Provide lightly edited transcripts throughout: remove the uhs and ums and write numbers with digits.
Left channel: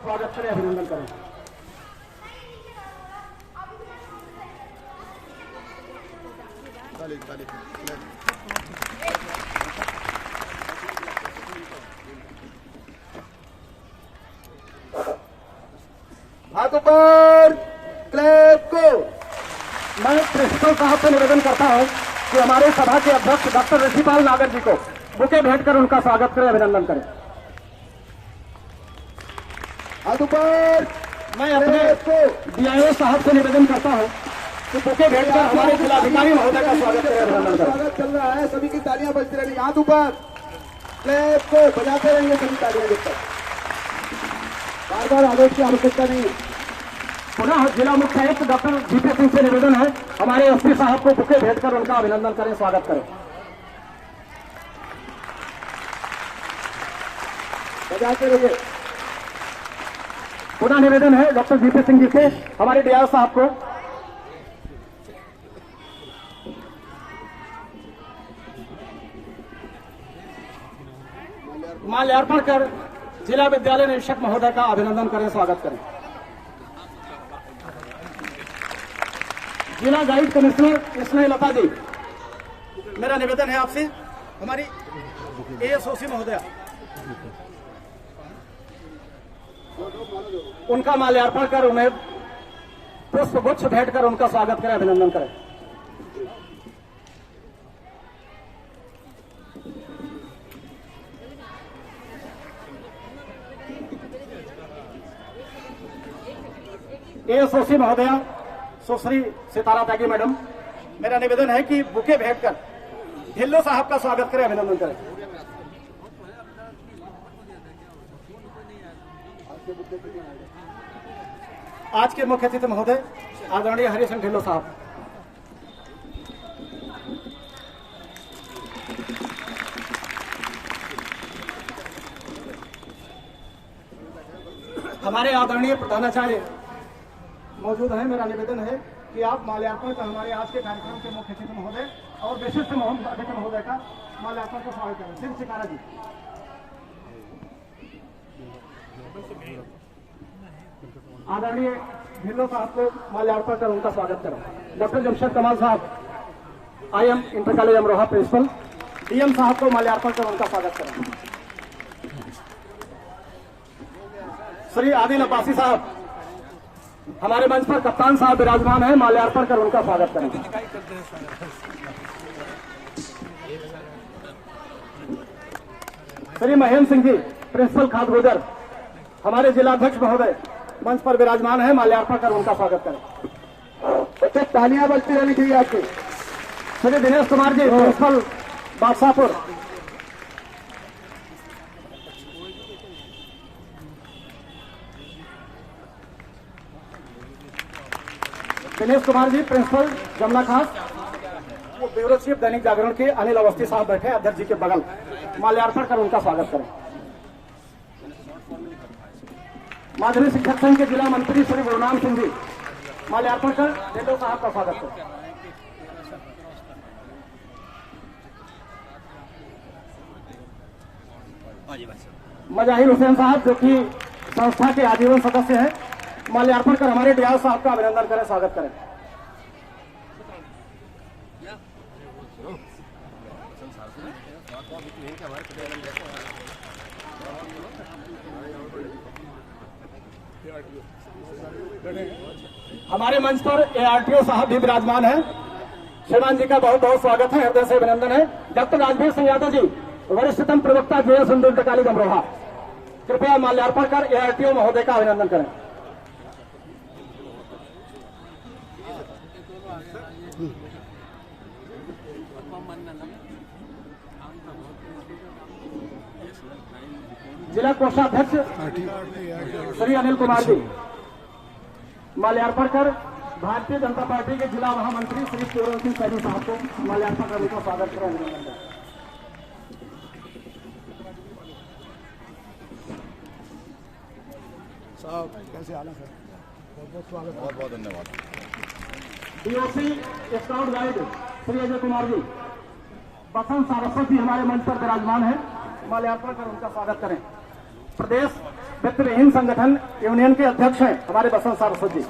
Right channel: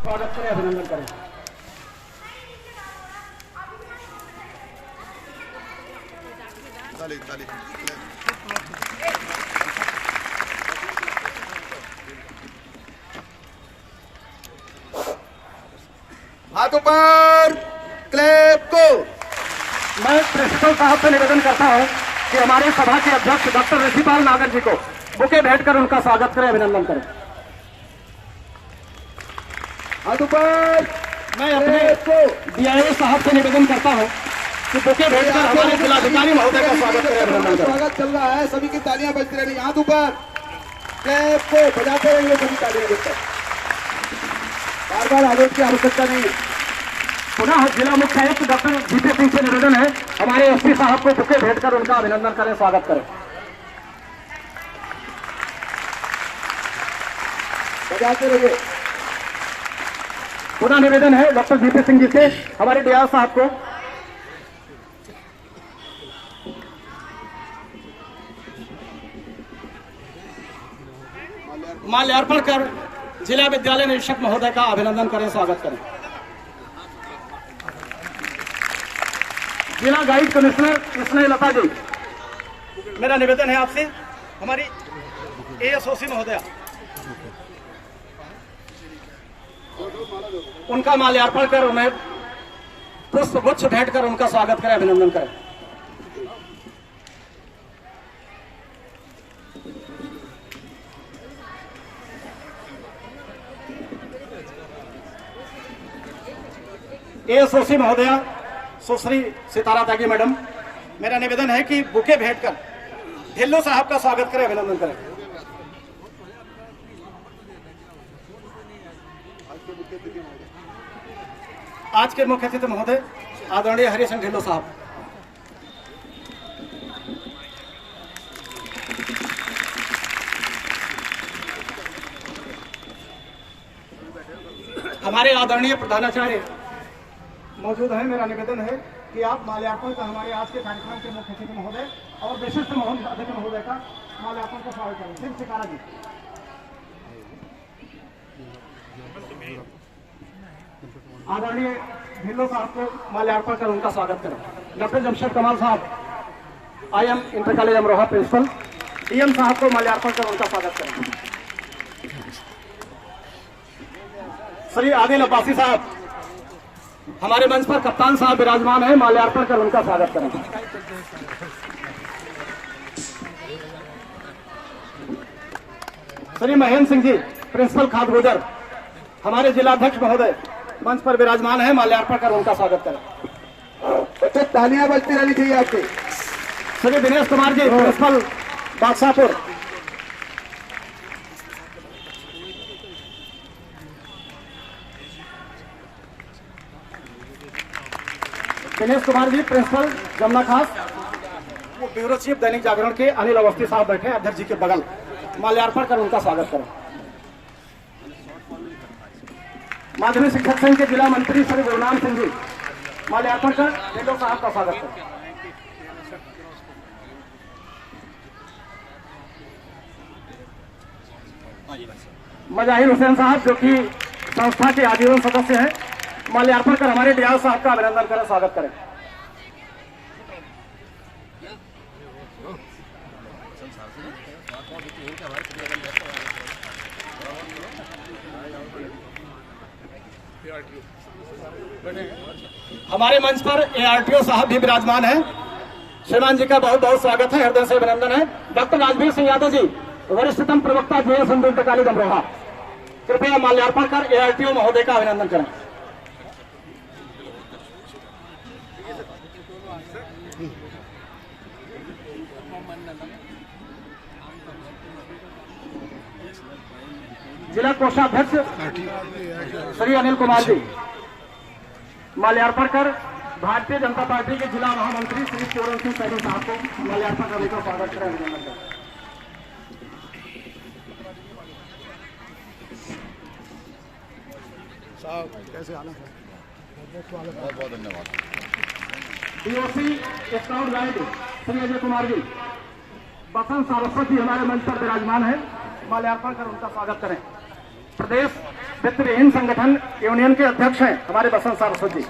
स्वागत करें, अभिनंदन करें। हाथ ऊपर, क्लैप को। मैं प्रिंसिपल साहब से निवेदन करता हूं कि हमारे सभा के अध्यक्ष डॉक्टर ऋषिपाल नागर जी को बुके भेंट कर उनका स्वागत करें, अभिनंदन करें। हाथ ऊपर। मैं अपने डीआईओ साहब से निवेदन करता हूं कि बुके भेंट कर हमारे जिलाधिकारी महोदय का स्वागत करें, अभिनंदन करें। स्वागत चल रहा है, सभी की तालियां बजती रहेंगी। हाथ ऊपर, क्लैप को बजाते रहेंगे सभी तालियां जब तक। बार बार आदेश की आवश्यकता नहीं है। पुनः जिला मुख्य आयुक्त डॉक्टर जीपी सिंह से निवेदन है हमारे एसपी साहब को बुके भेंट कर उनका अभिनंदन करें, स्वागत करें। बजाते रहिए। पुनः निवेदन है डॉक्टर जीपी सिंह जी से हमारे डीआईओ साहब को माल्यार्पण कर जिला विद्यालय निरीक्षक महोदय का अभिनंदन करें, स्वागत करें। जिला गाइड कमिश्नर स्नेहलता जी, मेरा निवेदन है आपसे हमारी एएसओसी महोदय उनका माल्यार्पण कर उन्हें पुष्प गुच्छ भेंट कर उनका स्वागत करें, अभिनंदन करें। एएसओसी महोदया सुश्री सितारा त्यागी मैडम, मेरा निवेदन है कि बुके भेंट कर ढिल्लो साहब का स्वागत करें, अभिनंदन करें। आज के मुख्य अतिथि महोदय आदरणीय हरि सिंह ढिल्लो साहब, हमारे आदरणीय प्रधानाचार्य मौजूद हैं। मेरा निवेदन है कि आप माल्यार्पण का हमारे आज के कार्यक्रम के मुख्य अतिथि महोदय और विशिष्ट अतिथि महोदय का माल्यार्पण का स्वागत करें। सिंह सितारा जी, आदरणीय ढिल्लो साहब को माल्यार्पण कर उनका स्वागत करें। डॉक्टर जमशेद कमाल साहब IM inter college Amroha principal, DM साहब को माल्यार्पण कर उनका स्वागत करें। श्री आदिल अब्बासी साहब, हमारे मंच पर कप्तान साहब विराजमान हैं, माल्यार्पण कर उनका स्वागत करें। श्री महेंद्र सिंह जी, प्रिंसिपल खाद गुजर, हमारे जिलाध्यक्ष महोदय मंच पर विराजमान है, माल्यार्पण कर उनका स्वागत करें। बच्चे तालियां बजती रहनी चाहिए आपको। श्री दिनेश कुमार जी, प्रिंसिपल बादशाहपुर, दिनेश कुमार जी प्रिंसिपल जमुना खास, वो ब्यूरो चीफ दैनिक जागरण के अनिल अवस्थी साहब बैठे अध्यक्ष जी के बगल, माल्यार्पण कर उनका स्वागत करें। माध्यमिक शिक्षक संघ के जिला मंत्री श्री गुरुनाम सिंह जी, माल्यार्पण कर ढिल्लो साहब का स्वागत करें। मजाहिर हुसैन साहब जो कि संस्था के आजीवन सदस्य हैं, माल्यार्पण कर हमारे डीआईओ साहब का अभिनंदन करें, स्वागत करें। हमारे मंच पर एआरटीओ साहब भी विराजमान हैं, श्रीमान जी का बहुत बहुत स्वागत है, हृदय से अभिनंदन है। डॉक्टर राजवीर सिंह यादव जी, वरिष्ठतम प्रवक्ता जेएस इंटर कॉलेज अमरोहा, कृपया माल्यार्पण कर एआरटीओ महोदय का अभिनंदन करें। जिला कोषाध्यक्ष श्री अनिल कुमार जी, माल्यार्पण कर भारतीय जनता पार्टी के जिला महामंत्री श्री पूरन सिंह सैनी साहब को माल्यार्पण कर उनका स्वागत करें, अभिनंदन करें। कैसे आना सर, बहुत बहुत धन्यवाद। DOC scout guide Shri Ajay Kumar ji, Basant Saraswati हमारे मंच पर विराजमान है, माल्यार्पण कर उनका स्वागत करें। प्रदेश वित्तहीन संगठन यूनियन के अध्यक्ष हैं हमारे बसंत सारस्वत जी।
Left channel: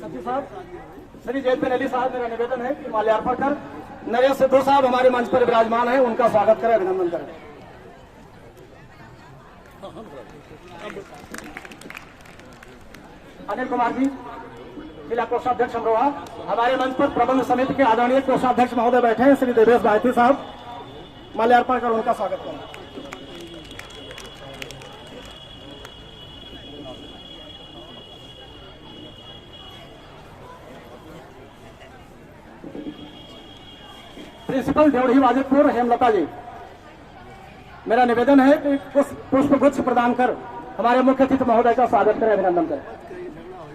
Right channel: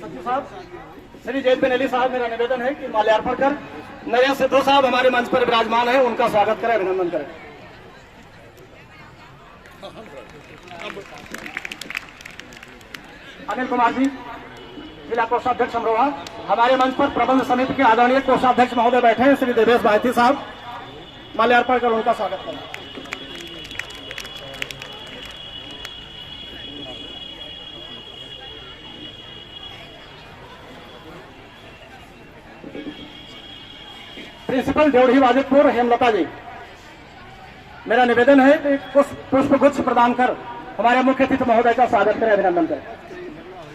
सचिव साहब श्री जयपेन अली साहब, मेरा निवेदन है कि माल्यार्पण कर नए सिद्धू साहब हमारे मंच पर विराजमान है, उनका स्वागत करें, अभिनंदन करें। अनिल कुमार जी, जिला कोषाध्यक्ष अमरोहा, हमारे मंच पर प्रबंध समिति के आदरणीय कोषाध्यक्ष महोदय बैठे हैं श्री देवेश भारती साहब, माल्यार्पण कर उनका स्वागत करें। प्रिंसिपल ड्योढ़ी वाजिदपुर हेमलता जी, मेरा निवेदन है कि पुष्प गुच्छ प्रदान कर हमारे मुख्य अतिथि महोदय का स्वागत करें, अभिनंदन करें।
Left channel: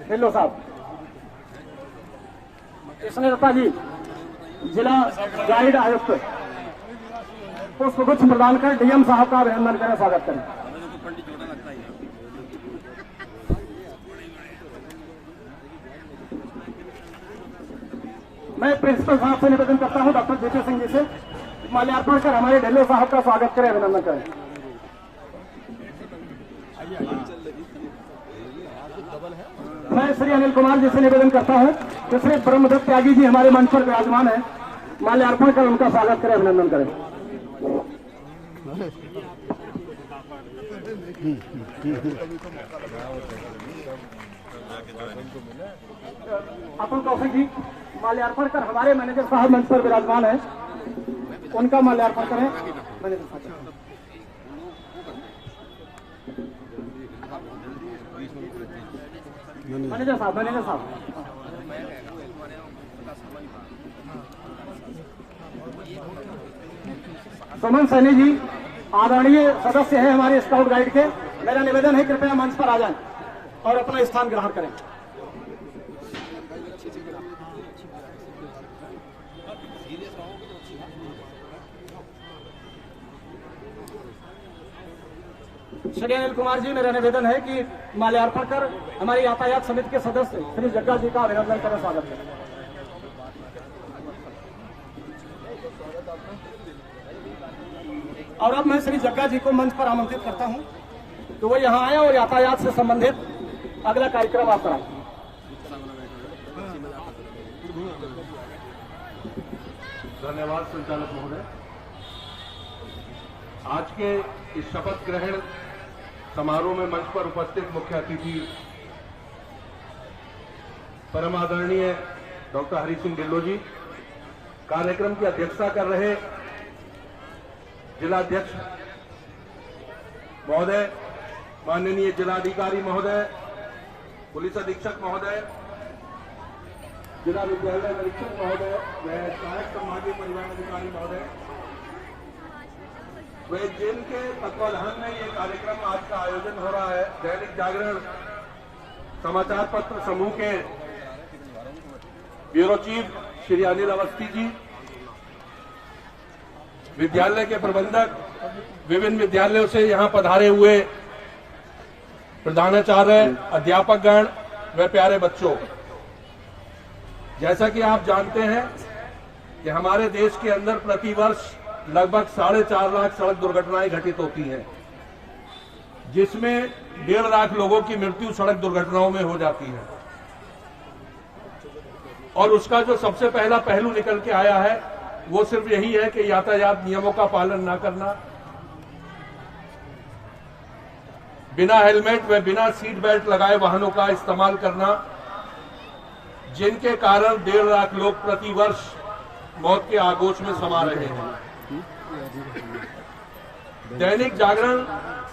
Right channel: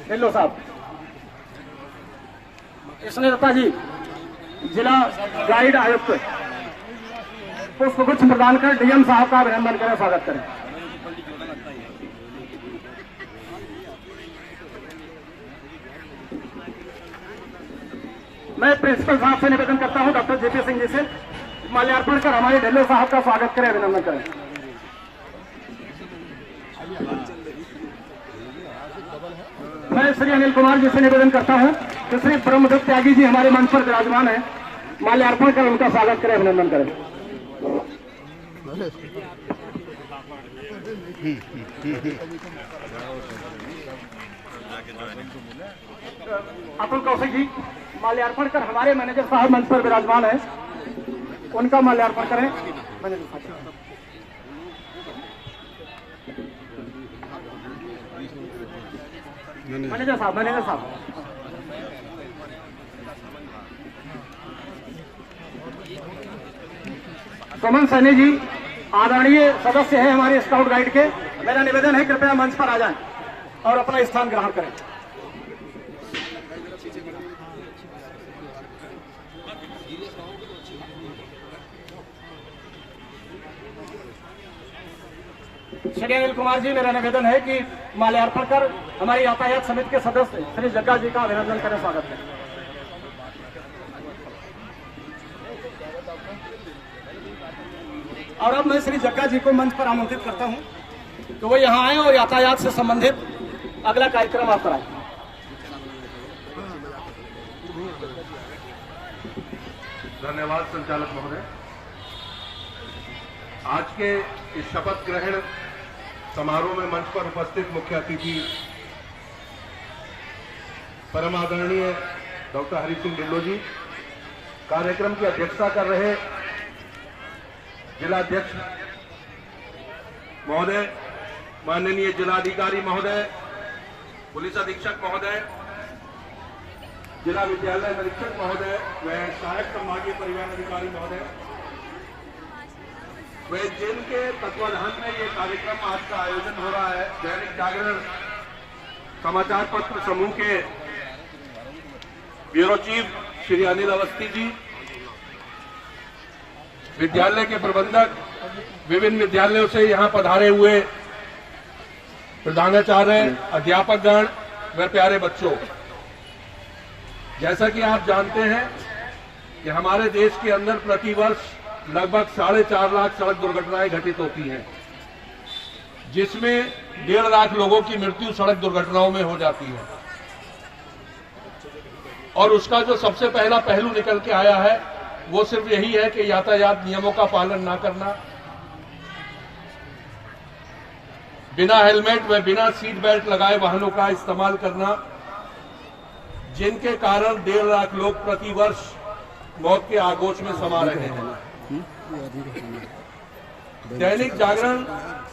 हेलो साहब, कृष्ण दत्ता जी, जिला गाइड आयुक्त, पुष्प गुच्छ प्रदान कर डीएम साहब का अभिनंदन करें, स्वागत करें। मैं प्रिंसिपल साहब से निवेदन करता हूं डॉक्टर जेपी सिंह जी से माल्यार्पण कर हमारे ढिल्लो साहब का स्वागत करें, अभिनंदन करें। मैं श्री अनिल कुमार जी से निवेदन करता हूं कि श्री ब्रह्मदत्त त्यागी जी हमारे मंच पर विराजमान है, माल्यार्पण कर उनका स्वागत करें, अभिनंदन करें। अतुल कौशिक जी, माल्यार्पण कर हमारे मैनेजर साहब मंच पर विराजमान है, उनका माल्यार्पण करें। मैनेजर साहब सुमन सैनी जी, आदरणीय सदस्य है हमारे स्काउट गाइड के, मेरा निवेदन है कृपया मंच पर आ जाएं और अपना स्थान ग्रहण करें। श्री अनिल कुमार जी, मेरा निवेदन है कि माल्यार्पण कर हमारी यातायात समिति के सदस्य श्री जग्गा जी का अभिनंदन करें, स्वागत करें। और अब मैं श्री जग्गा जी को मंच पर आमंत्रित करता हूं कि वो यहाँ आए और यातायात से संबंधित अगला कार्यक्रम आप कराएं। धन्यवाद संचालक महोदय। आज के इस शपथ ग्रहण समारोह में मंच पर उपस्थित मुख्य अतिथि परम आदरणीय डॉक्टर हरि सिंह ढिल्लो जी, कार्यक्रम की अध्यक्षता कर रहे जिलाध्यक्ष महोदय, माननीय जिलाधिकारी महोदय, पुलिस अधीक्षक महोदय, जिला विद्यालय निरीक्षक महोदय व सहायक संभागीय परिवहन अधिकारी महोदय, वे जिनके तत्वाधान में ये कार्यक्रम आज का आयोजन हो रहा है, दैनिक जागरण समाचार पत्र समूह के ब्यूरो चीफ श्री अनिल अवस्थी जी, विद्यालय के प्रबंधक, विभिन्न विद्यालयों से यहां पधारे हुए प्रधानाचार्य, अध्यापकगण व प्यारे बच्चों, जैसा कि आप जानते हैं कि हमारे देश के अंदर प्रतिवर्ष लगभग 4.5 लाख सड़क दुर्घटनाएं घटित होती हैं, जिसमें 1.5 लाख लोगों की मृत्यु सड़क दुर्घटनाओं में हो जाती है। और उसका जो सबसे पहला पहलू निकल के आया है वो सिर्फ यही है कि यातायात नियमों का पालन न करना, बिना हेलमेट व बिना सीट बेल्ट लगाए वाहनों का इस्तेमाल करना, जिनके कारण 1.5 लाख लोग प्रतिवर्ष मौत के आगोश में समा रहे हैं। दैनिक जागरण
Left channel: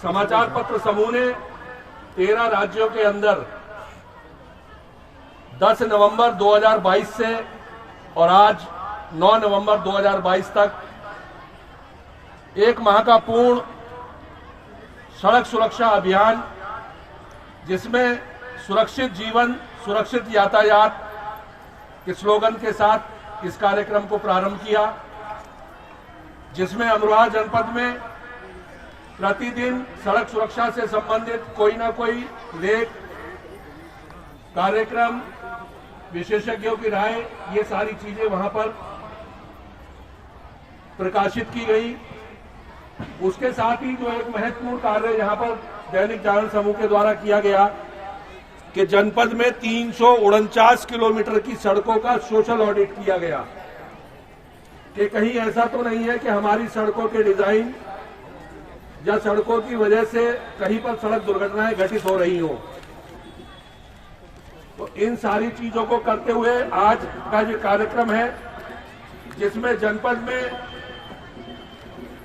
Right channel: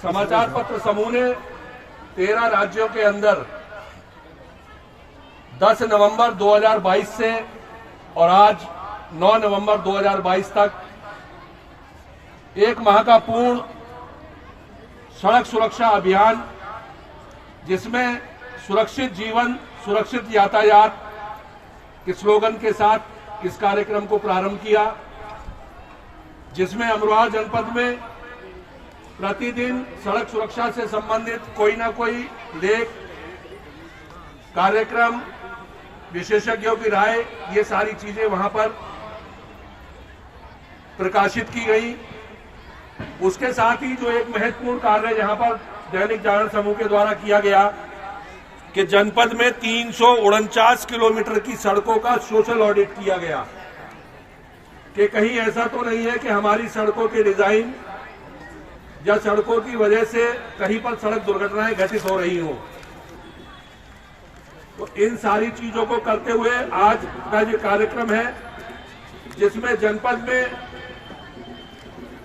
समाचार पत्र समूह ने 13 राज्यों के अंदर 10 नवंबर 2022 से और आज 9 नवंबर 2022 तक एक माह का पूर्ण सड़क सुरक्षा अभियान, जिसमें सुरक्षित जीवन सुरक्षित यातायात के स्लोगन के साथ इस कार्यक्रम को प्रारंभ किया, जिसमें अमरोहा जनपद में प्रतिदिन सड़क सुरक्षा से संबंधित कोई ना कोई लेख, कार्यक्रम, विशेषज्ञों की राय, ये सारी चीजें वहां पर प्रकाशित की गई। उसके साथ ही जो एक महत्वपूर्ण कार्य यहाँ पर दैनिक जागरण समूह के द्वारा किया गया कि जनपद में 349 किलोमीटर की सड़कों का सोशल ऑडिट किया गया कि कहीं ऐसा तो नहीं है कि हमारी सड़कों के डिजाइन या सड़कों की वजह से कहीं पर सड़क दुर्घटनाएं घटित हो रही हो। तो इन सारी चीजों को करते हुए आज का ये कार्यक्रम है जिसमें जनपद में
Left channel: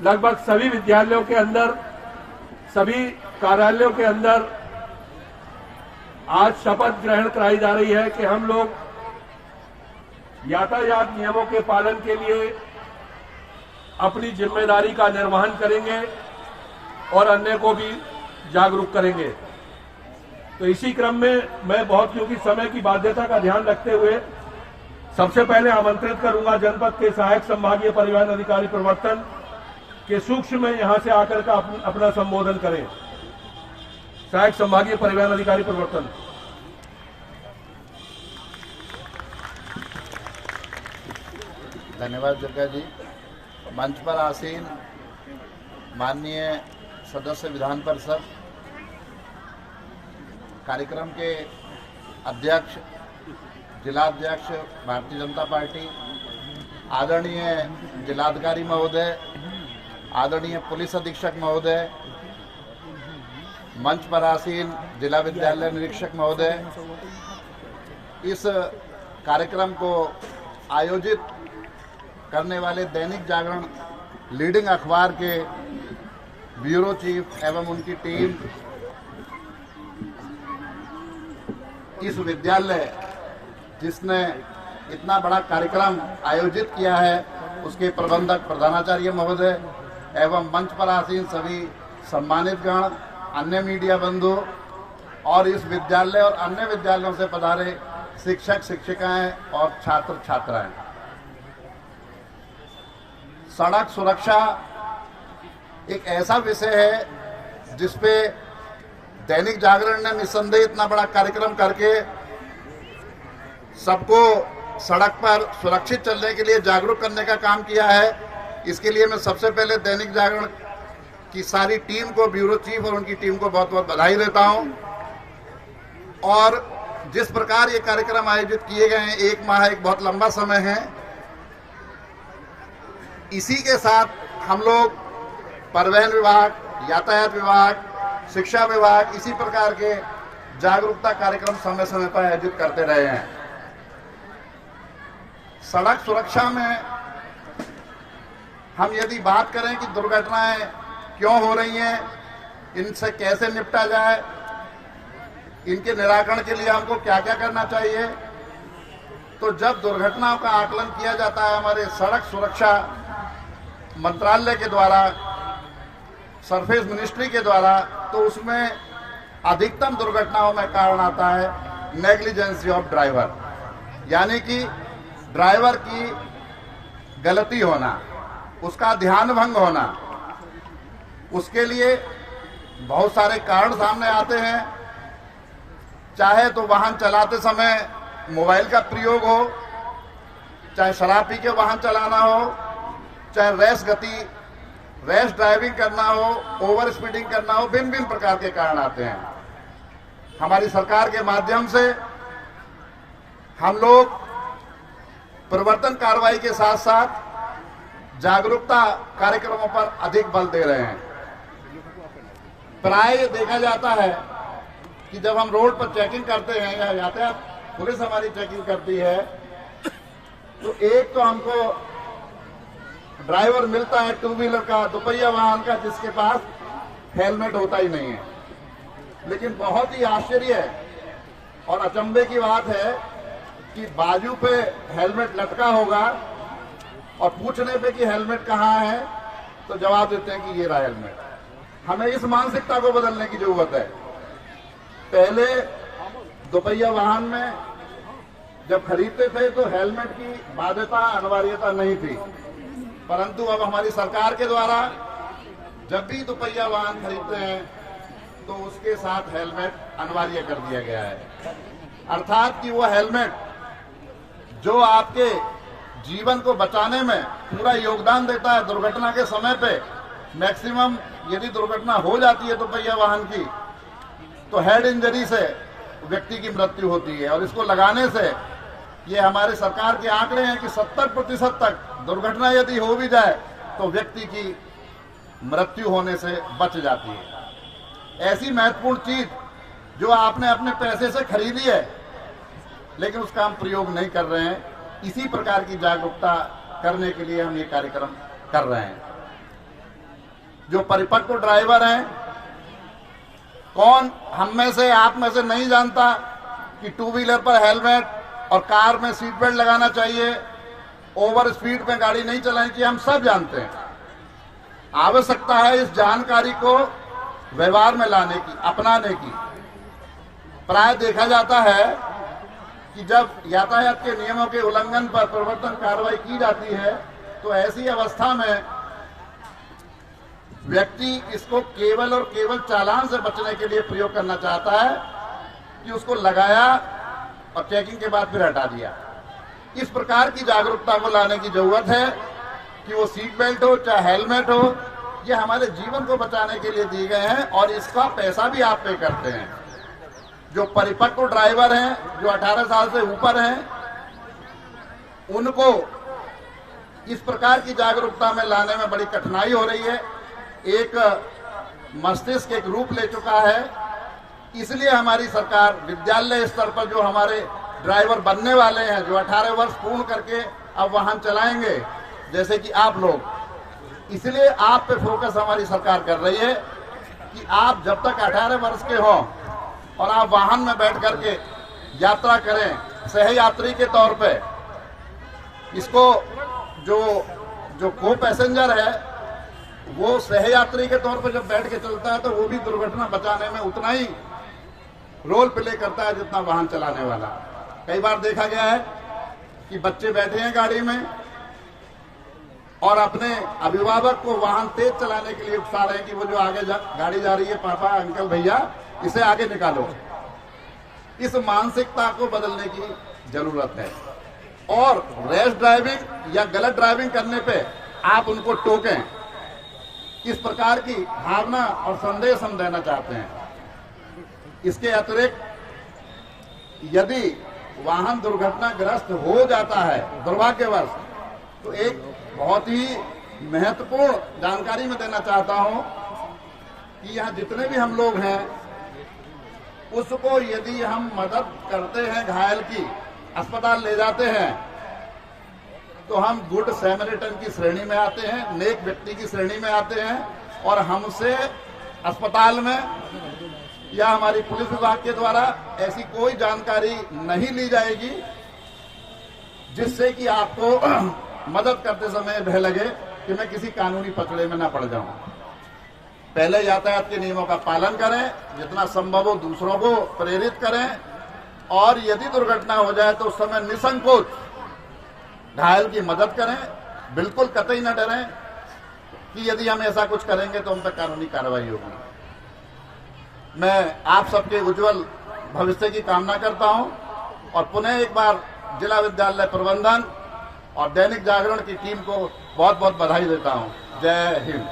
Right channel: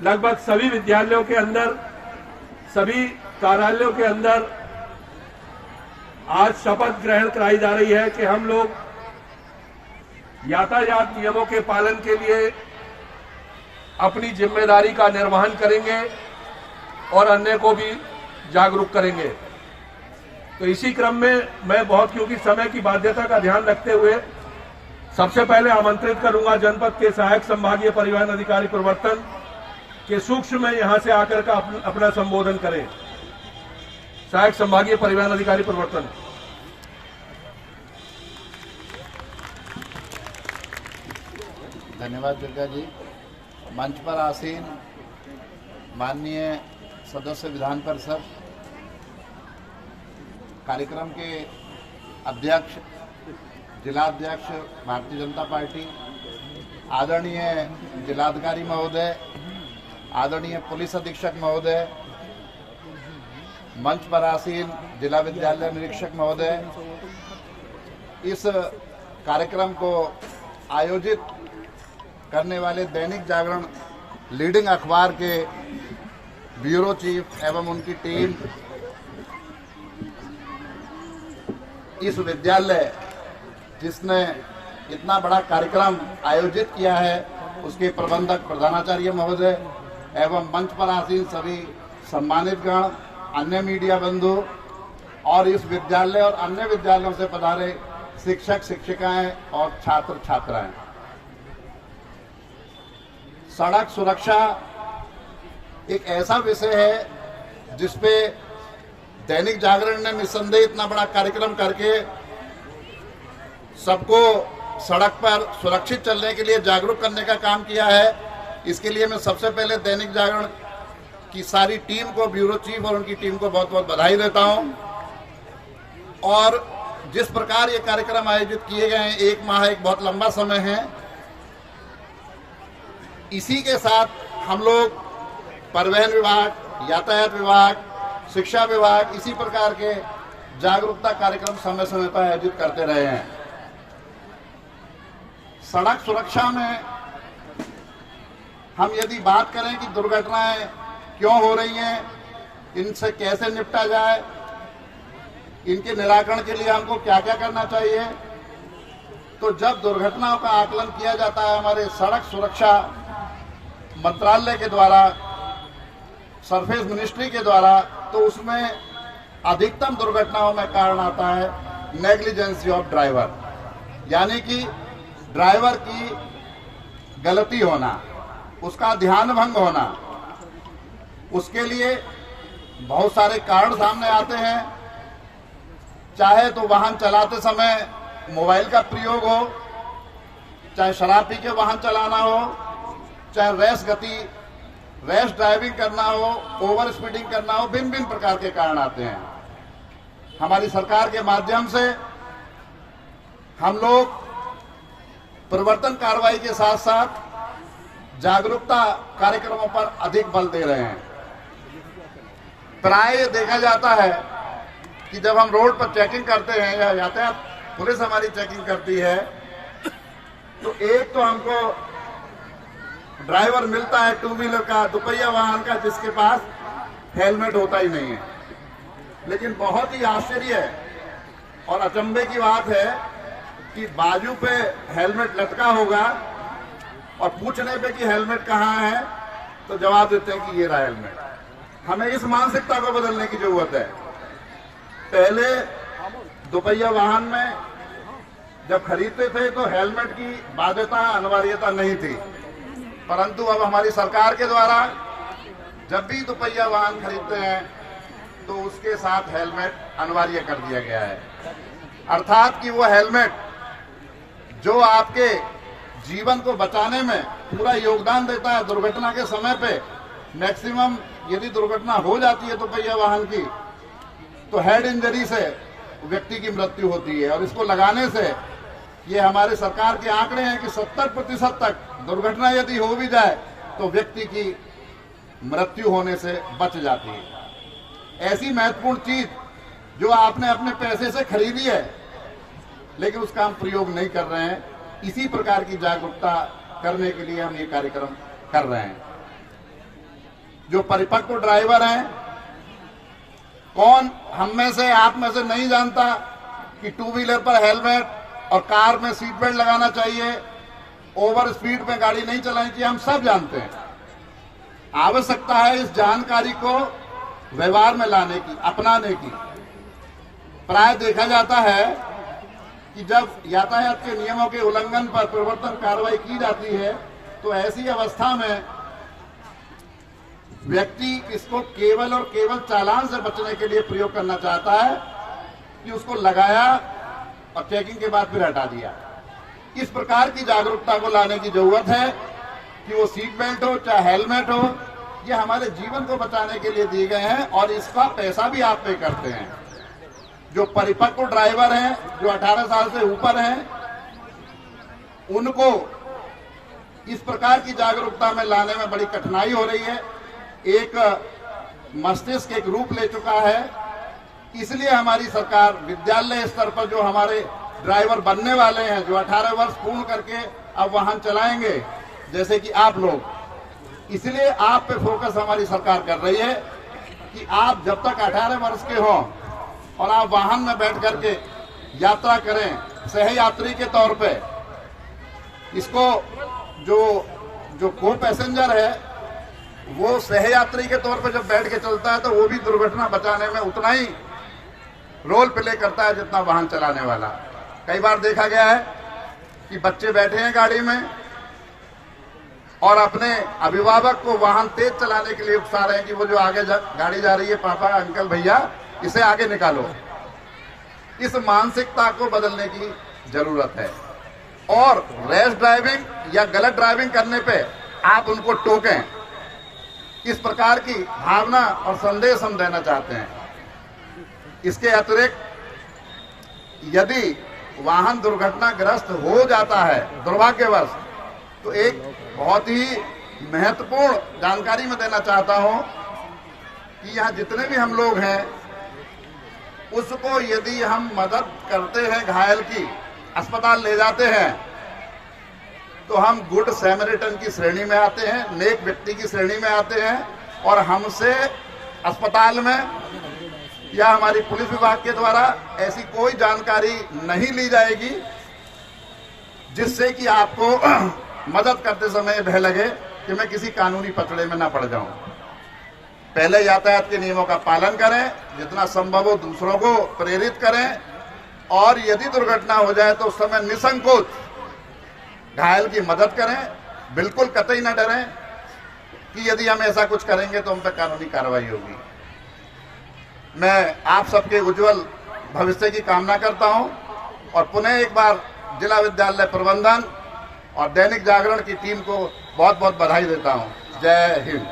लगभग सभी विद्यालयों के अंदर, सभी कार्यालयों के अंदर आज शपथ ग्रहण कराई जा रही है कि हम लोग यातायात नियमों के पालन के लिए अपनी जिम्मेदारी का निर्वहन करेंगे और अन्य को भी जागरूक करेंगे। तो इसी क्रम में मैं बहुत, क्योंकि समय की बाध्यता का ध्यान रखते हुए सबसे पहले आमंत्रित करूंगा जनपद के सहायक संभागीय परिवहन अधिकारी प्रवर्तन के सूक्ष्म में यहां से आकर का अपना संबोधन करें। सहायक संभागीय परिवहन अधिकारी प्रवर्तन। धन्यवाद दुर्गा जी। मंच पर आसीन माननीय सदस्य विधान परिषद, कार्यक्रम के अध्यक्ष, जिलाध्यक्ष भारतीय जनता पार्टी, आदरणीय जिलाधिकारी महोदय, आदरणीय पुलिस अधीक्षक महोदय, मंच पर आसीन जिला विद्यालय निरीक्षक महोदय, इस कार्यक्रम को आयोजित करने वाले दैनिक जागरण लीडिंग अखबार के ब्यूरो चीफ एवं उनकी टीम, इस विद्यालय जिसने इतना बड़ा कार्यक्रम आयोजित किया है उसके प्रबंधक प्रधानाचार्य महोदय एवं मंच पर आसीन सभी सम्मानित गण, अन्य मीडिया बंधु और इस विद्यालय और अन्य विद्यालयों से पधारे शिक्षक शिक्षिकाएं और छात्र छात्राएं। सड़क सुरक्षा एक ऐसा विषय है जिसपे दैनिक जागरण ने निस्संदेह इतना बड़ा कार्यक्रम करके सबको सड़क पर सुरक्षित चलने के लिए जागरूक करने का काम किया है। इसके लिए मैं सबसे पहले दैनिक जागरण की सारी टीम को, ब्यूरो चीफ और उनकी टीम को बहुत बहुत बधाई देता हूं। और जिस प्रकार ये कार्यक्रम आयोजित किए गए हैं, एक माह एक बहुत लंबा समय है, इसी के साथ हम लोग परिवहन विभाग, यातायात विभाग, शिक्षा विभाग इसी प्रकार के जागरूकता कार्यक्रम समय समय पर आयोजित करते रहे हैं। सड़क सुरक्षा में हम यदि बात करें कि दुर्घटनाएं क्यों हो रही हैं, इनसे कैसे निपटा जाए, इनके निराकरण के लिए हमको क्या क्या करना चाहिए, तो जब दुर्घटनाओं का आकलन किया जाता है हमारे सड़क सुरक्षा मंत्रालय के द्वारा, सरफेस मिनिस्ट्री के द्वारा, तो उसमें अधिकतम दुर्घटनाओं में कारण आता है नेग्लिजेंसी ऑफ ड्राइवर, यानी कि ड्राइवर की गलती होना, उसका ध्यान भंग होना। उसके लिए बहुत सारे कारण सामने आते हैं, चाहे तो वाहन चलाते समय मोबाइल का प्रयोग हो, चाहे शराब पी के वाहन चलाना हो, चाहे रैश ड्राइविंग करना हो, ओवर स्पीडिंग करना हो, भिन्न भिन्न प्रकार के कारण आते हैं। हमारी सरकार के माध्यम से हम लोग प्रवर्तन कार्रवाई के साथ साथ जागरूकता कार्यक्रमों पर अधिक बल दे रहे हैं। प्राय देखा जाता है कि जब हम रोड पर चेकिंग करते हैं या यातायात पुलिस हमारी चेकिंग करती है, तो एक तो हमको ड्राइवर मिलता है टू व्हीलर का, दुपहिया वाहन का, जिसके पास हेलमेट होता ही नहीं है। लेकिन बहुत ही आश्चर्य और अचंभे की बात है कि बाजू पे हेलमेट लटका होगा और पूछने पे कि हेलमेट कहाँ है तो जवाब देते हैं कि ये रहा हेलमेट। हमें इस मानसिकता को बदलने की जरूरत है। पहले दुपहिया वाहन में जब खरीदते थे तो हेलमेट की बाध्यता, अनिवार्यता नहीं थी, परंतु अब हमारी सरकार के द्वारा जब भी दुपहिया वाहन खरीदते हैं तो उसके साथ हेलमेट अनिवार्य कर दिया गया है। अर्थात कि वो हेलमेट जो आपके जीवन को बचाने में पूरा योगदान देता है, दुर्घटना के समय पे मैक्सिमम यदि दुर्घटना हो जाती है दोपहिया वाहन की, तो हेड इंजरी से व्यक्ति की मृत्यु होती है। और इसको लगाने से ये हमारे सरकार के आंकड़े हैं कि 70% तक दुर्घटना यदि हो भी जाए तो व्यक्ति की मृत्यु होने से बच जाती है। ऐसी महत्वपूर्ण चीज जो आपने अपने पैसे से खरीदी है, लेकिन उसका हम प्रयोग नहीं कर रहे हैं, इसी प्रकार की जागरूकता करने के लिए हम ये कार्यक्रम कर रहे हैं। जो परिपक्व ड्राइवर हैं, कौन हम में से, आप में से नहीं जानता कि टू व्हीलर पर हेलमेट और कार में सीट बेल्ट लगाना चाहिए, ओवर स्पीड में गाड़ी नहीं चलानी चाहिए, हम सब जानते हैं। आवश्यकता है इस जानकारी को व्यवहार में लाने की, अपनाने की। प्राय देखा जाता है कि जब यातायात के नियमों के उल्लंघन पर प्रवर्तन कार्रवाई की जाती है, तो ऐसी अवस्था में व्यक्ति इसको केवल और केवल चालान से बचने के लिए प्रयोग करना चाहता है कि उसको लगाया और चेकिंग के बाद फिर हटा दिया। इस प्रकार की जागरूकता को लाने की जरूरत है कि वो सीट बेल्ट हो चाहे हेलमेट हो, ये हमारे जीवन को बचाने के लिए दिए गए हैं और इसका पैसा भी आप पे करते हैं। जो परिपक्व ड्राइवर हैं, जो 18 साल से ऊपर हैं, उनको इस प्रकार की जागरूकता में लाने में बड़ी कठिनाई हो रही है। एक मस्तिष्क एक रूप ले चुका है। इसलिए हमारी सरकार विद्यालय स्तर पर जो हमारे ड्राइवर बनने वाले हैं, जो 18 वर्ष पूर्ण करके अब वाहन चलाएंगे, जैसे कि आप लोग, इसलिए आप पे फोकस हमारी सरकार कर रही है कि आप जब तक 18 वर्ष के हो और आप वाहन में बैठ करके यात्रा करें सहयात्री के तौर पे, इसको जो को पैसेंजर है वो सहयात्री के तौर पर जब बैठ के चलता है तो वो भी दुर्घटना बचाने में उतना ही रोल प्ले करता है जितना वाहन चलाने वाला। कई बार देखा गया है कि बच्चे बैठे हैं गाड़ी में और अपने अभिभावक को वाहन तेज चलाने के लिए उकसा रहे हैं कि वो जो आगे गाड़ी जा रही है, पापा अंकल भैया इसे आगे निकालो। इस मानसिकता को बदलने की जरूरत है और रैश ड्राइविंग या गलत ड्राइविंग करने पे आप उनको टोकें, इस प्रकार की भावना और संदेश हम देना चाहते हैं। इसके अतिरिक्त यदि वाहन दुर्घटनाग्रस्त हो जाता है दुर्भाग्यवश, तो एक बहुत ही महत्वपूर्ण जानकारी मैं देना चाहता हूं कि यहाँ जितने भी हम लोग हैं, उसको यदि हम मदद करते हैं, घायल की अस्पताल ले जाते हैं, तो हम गुड सैमरिटन की श्रेणी में आते हैं, नेक व्यक्ति की श्रेणी में आते हैं और हमसे अस्पताल में या हमारी पुलिस विभाग के द्वारा ऐसी कोई जानकारी नहीं ली जाएगी जिससे कि आपको मदद करते समय भय लगे कि मैं किसी कानूनी पचड़े में ना पड़ जाऊं। पहले यातायात के नियमों का पालन करें, जितना संभव हो दूसरों को प्रेरित करें और यदि दुर्घटना हो जाए तो उस समय निसंकोच घायल की मदद करें। बिल्कुल कतई न डरें कि यदि हम ऐसा कुछ करेंगे तो हम पर कानूनी कार्रवाई होगी। मैं आप सबके उज्जवल भविष्य की कामना करता हूं और पुनः एक बार जिला विद्यालय प्रबंधन और दैनिक जागरण की टीम को बहुत बहुत बधाई देता हूं। जय हिंद।